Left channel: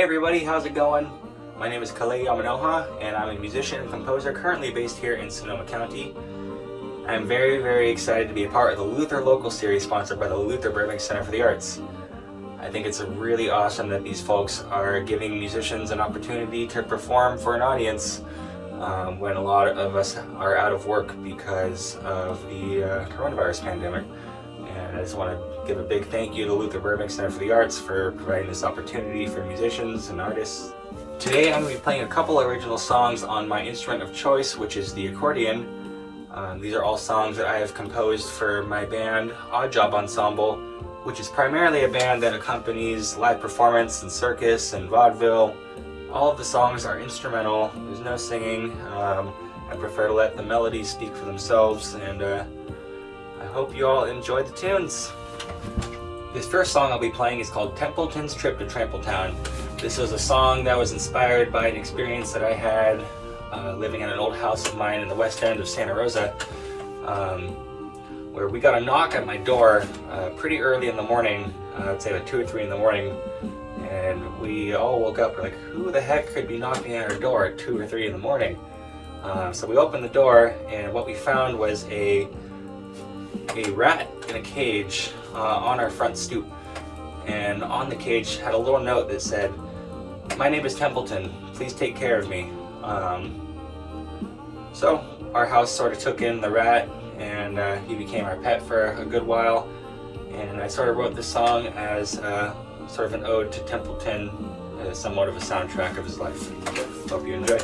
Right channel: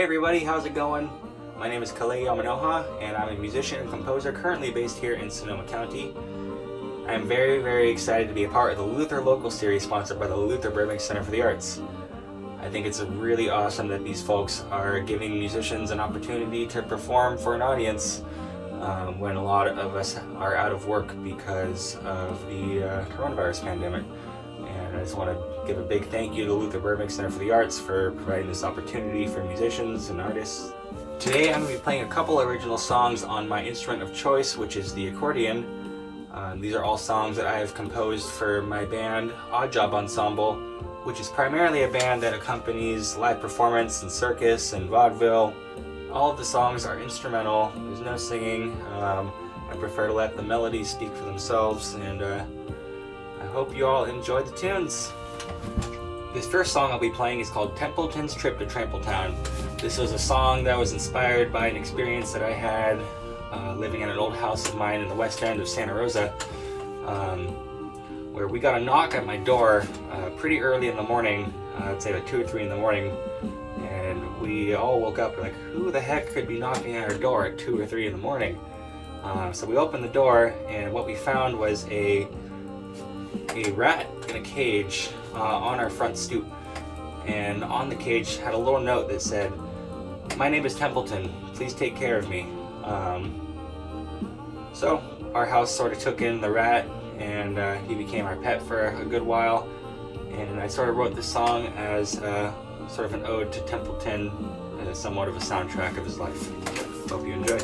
Hey everybody, how's it going? My name is Kalei Yamanoha, and I'm a musician and composer currently based here in Sonoma County. I'm very excited to be a part of the Luther Local Series sponsored by the Luther Burbank Center for the Arts. I think it's really awesome that these folks are giving musicians an opportunity to perform for an audience when a lot of us are out of work because of the coronavirus pandemic. And I just want to give a big thank you to Luther Burbank Center for the Arts for providing this opportunity for musicians and artists. Today I'm going to be playing a couple original songs on my instrument of choice, which is the accordion. These are all songs that I have composed for my band, Oddjob Ensemble, which is primarily a band that accompanies live performance and circus and vaudeville. All of the songs are instrumental, there's no singing. I prefer to let the melodies speak for themselves, and I hope you all enjoy the tunes. This first song I'll be playing is called Templetons Trip to Trampletown. This was a song that was inspired by an experience that I had living in an old house of mine in the west end of Santa Rosa, where we got a knock at my door pretty early in the morning, I'd say about 2 or 3 in the morning, and we all woke up like, who the heck could be knocking at our door at 2 or 3 in the morning? So we opened the door, and what we found was a rat in a cage on our front stoop, and on the cage had a little note that said, "My name is Templeton, please take care of me." So our house sort of took in the rat, and he became our pet for a good while, and I sort of wrote this song as sort of an ode to Templeton, somewhat of a soundtrack of his life. Hope you enjoy.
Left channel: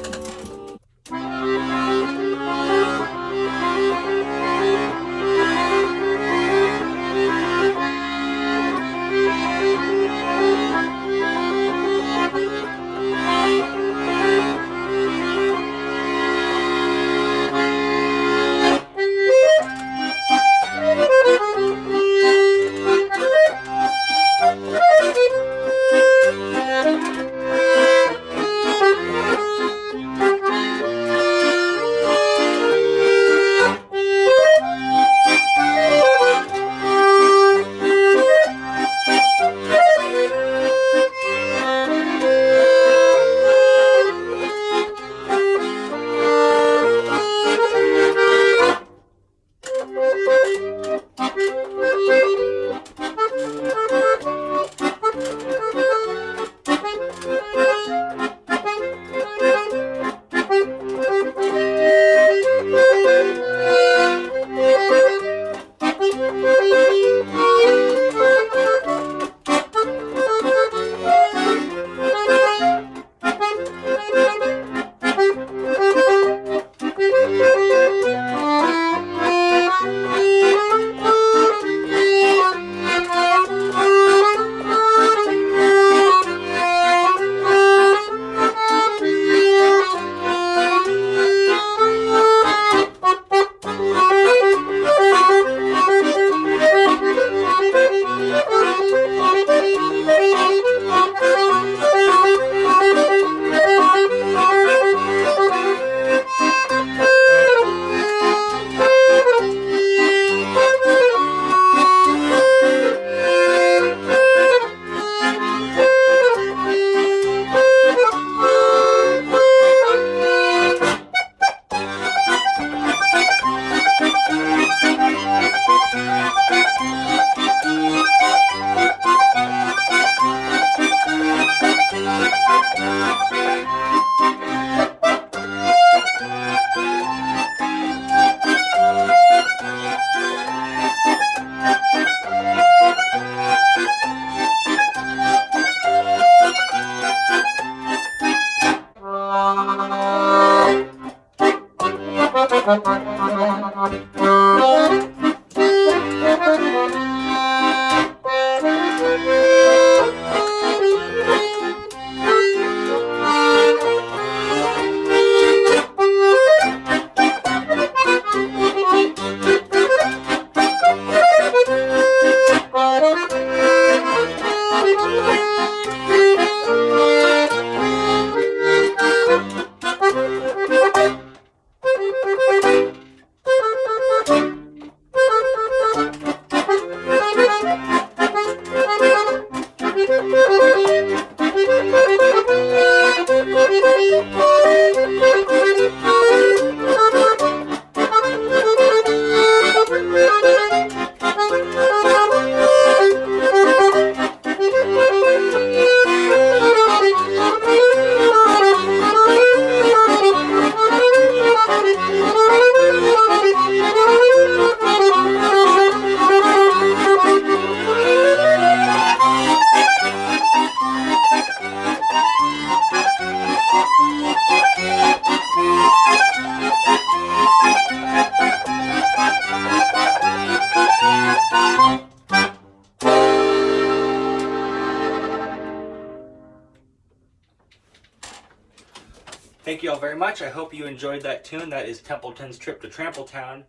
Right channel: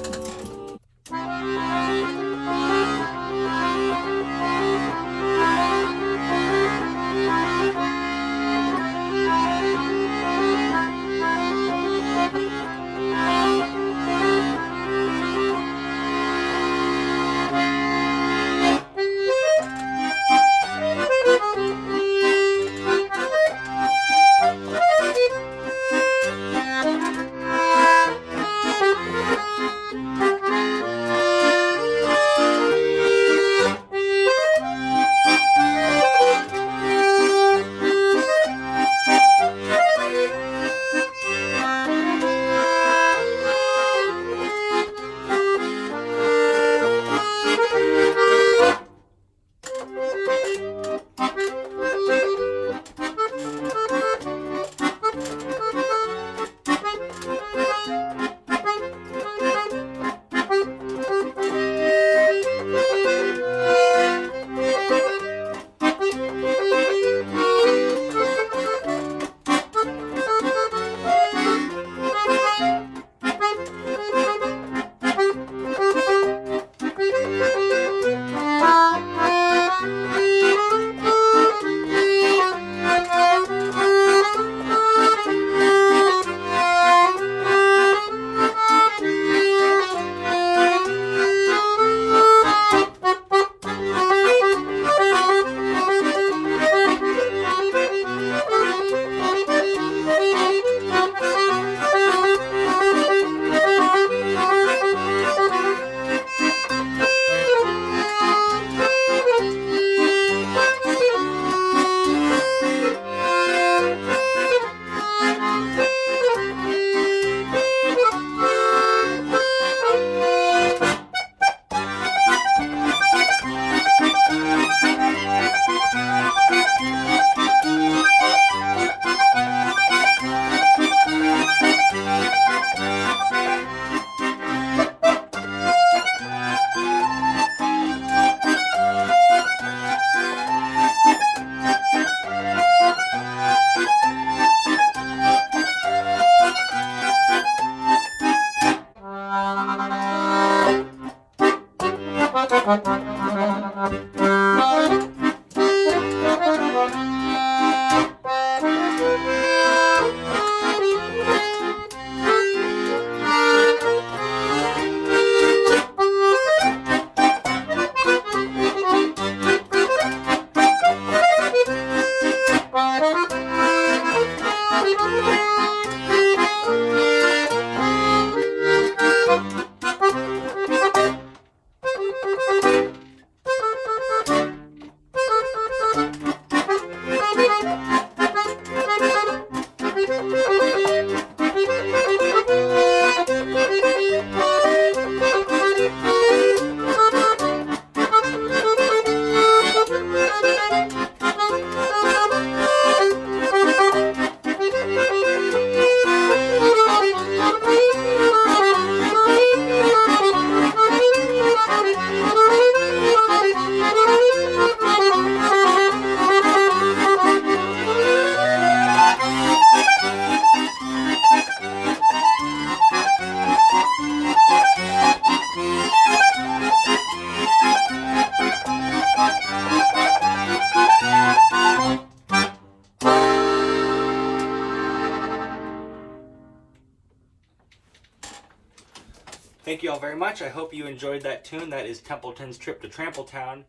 Thank you all very much. I hope you enjoyed that tune. That is Templetons Trip to Trampletown.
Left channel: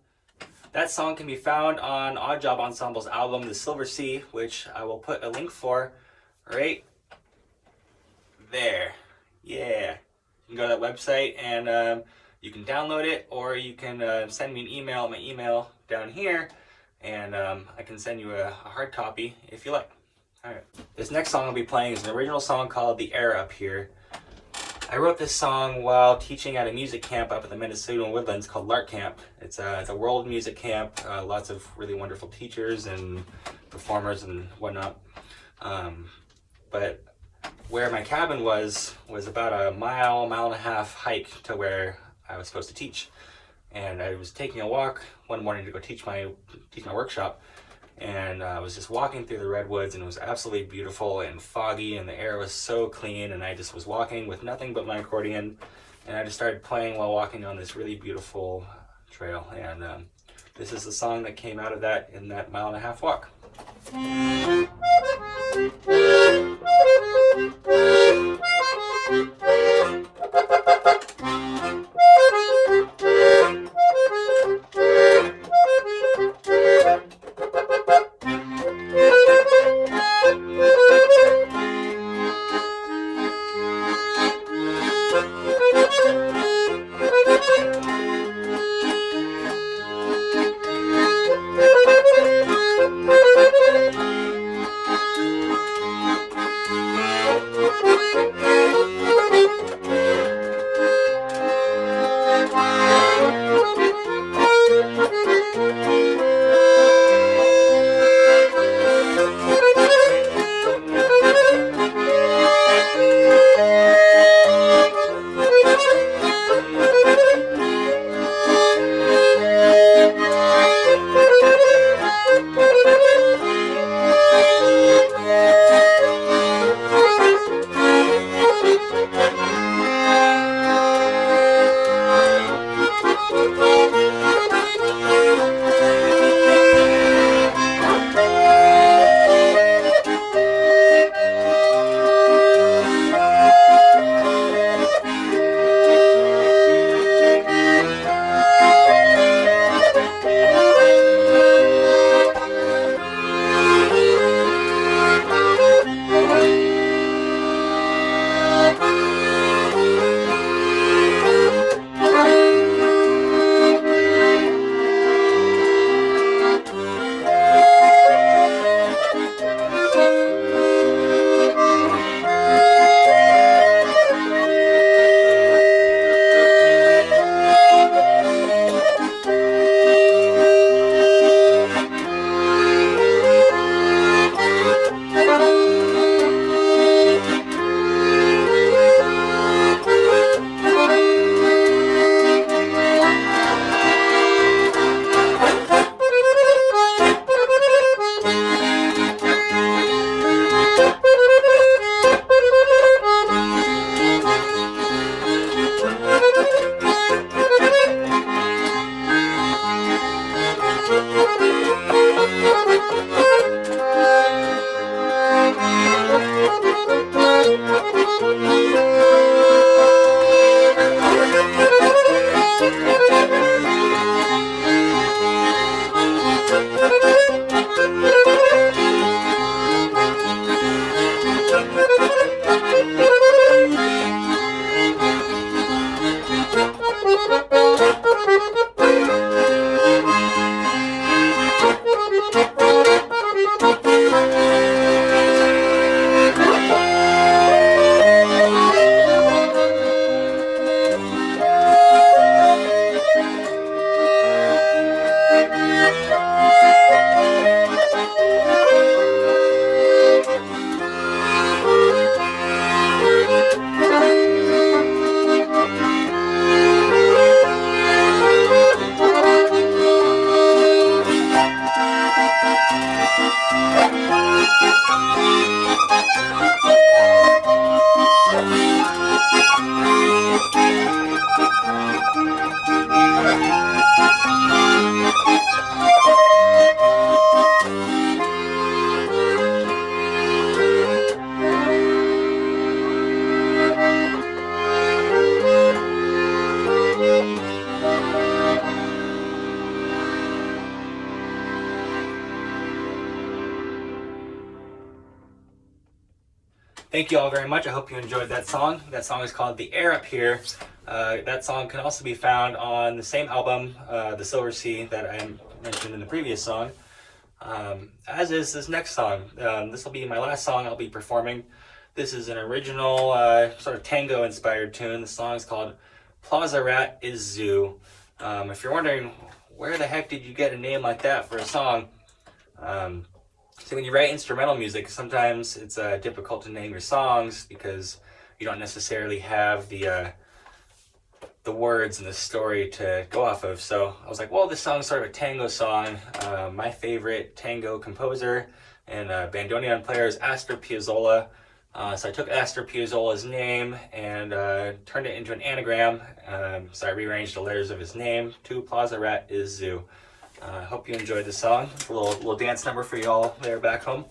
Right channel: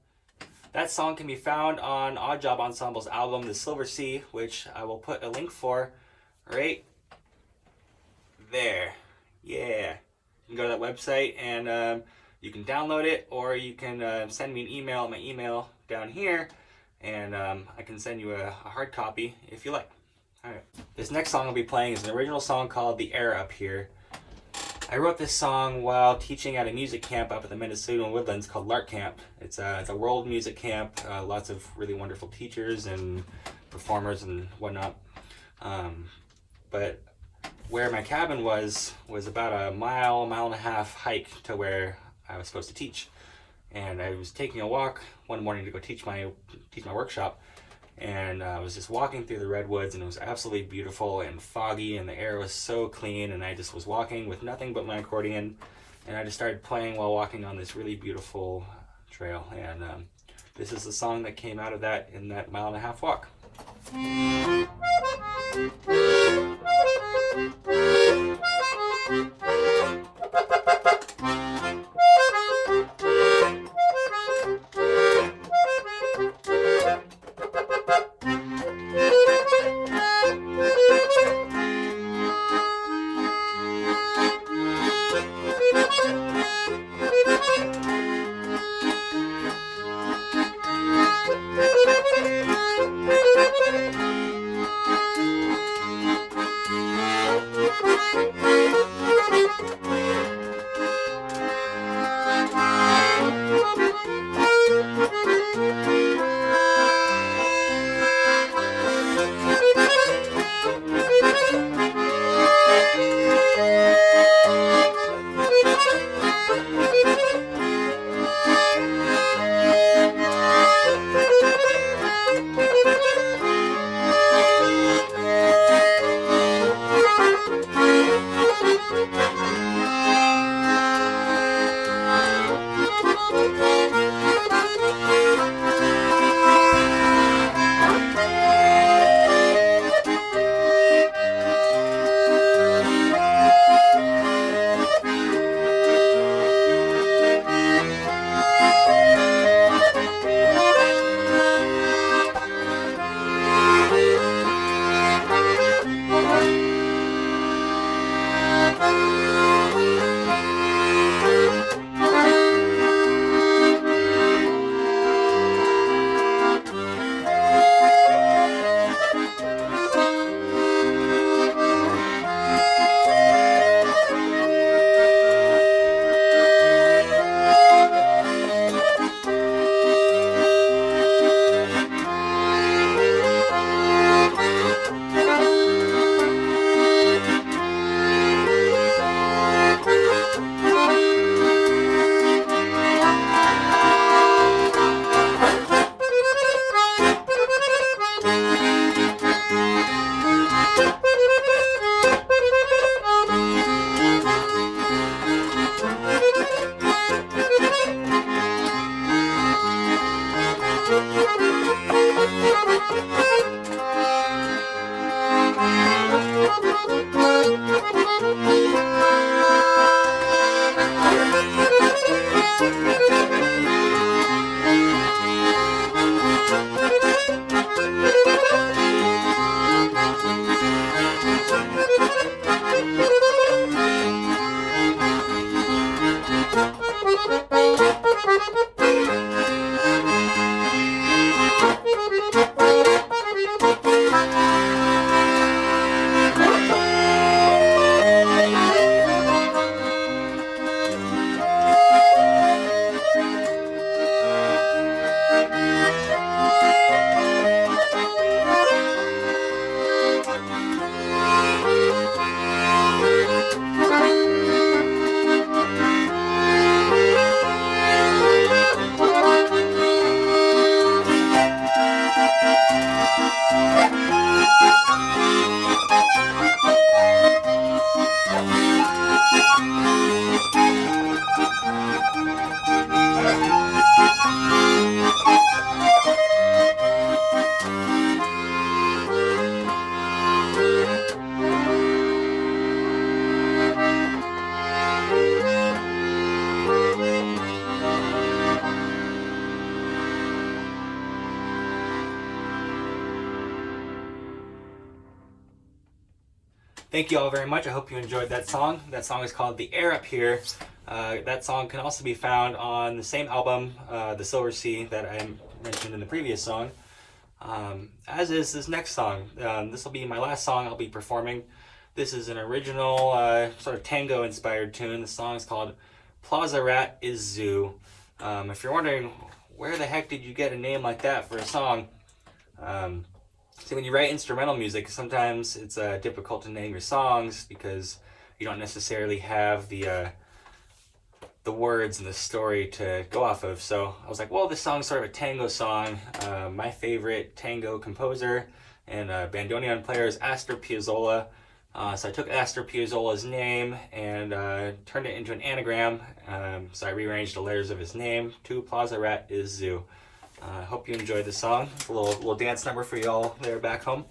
That song can be found on Oddjob Ensemble's album, The Silver Sea, which I will put a link for right there. Yeah. You can go to that website and you can download it, or you can send me an email, my email down here, and I can send you a hard copy if you like. Alright. This next song I'll be playing is an original song called The Air Up Here. I wrote this song while teaching at a music camp up in the Minnesota Woodlands called Lark Camp. It's a world music camp, lots of really wonderful teachers and performers and whatnot. But where my cabin was about a mile and a half hike to where I was supposed to teach. And I was taking a walk one morning to go teach my workshop, and I was just walking through the redwoods, and it was absolutely beautiful and foggy, and the air was so clean, and I just was walking with nothing but my accordion, and I just started playing while walking on this really beautiful trail. And this is the song that came out of that in that mile and a half walk. thank you all very much. I hope you enjoyed that song. That song is called The Air Up Here. That song can also be found on the same album, The Silver Sea, that I mentioned in the previous song. As is this next song. This will be my last song I'll be performing. This is an original sort of tango-inspired tune. The song is called Plaza Rat is Zoo. If you're wondering, where the heck did you get a name like that for a song? So when you write instrumental music, sometimes it's difficult to name your songs because you don't necessarily have the words and the story to go off of. So I was like, well, this song's sort of a tango song. My favorite tango composer and bandoneon player is Astor Piazzolla. So I took Astor Piazzolla's name and turned it into an anagram. So I rearranged the letters of his name to Plaza Rat is Zoo. I hope you enjoyed the song. It's a little dance number for y'all there back home.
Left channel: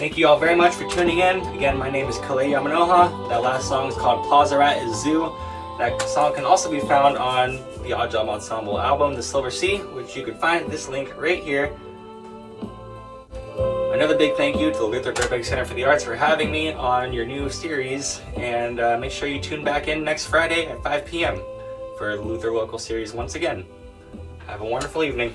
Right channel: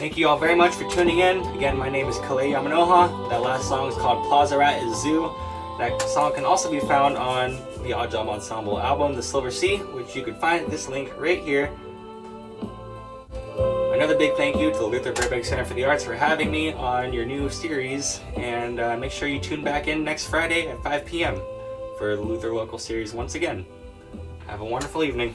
Thank you all very much for tuning in. Again, my name is Kalei Yamanoha. That last song is called Plaza Rat is Zoo. That song can also be found on the Oddjob Ensemble album, The Silver Sea, which you can find this link right here. Another big thank you to the Luther Burbank Center for the Arts for having me on your new series, and make sure you tune back in next Friday at 5 p.m. for the Luther Local Series once again. Have a wonderful evening.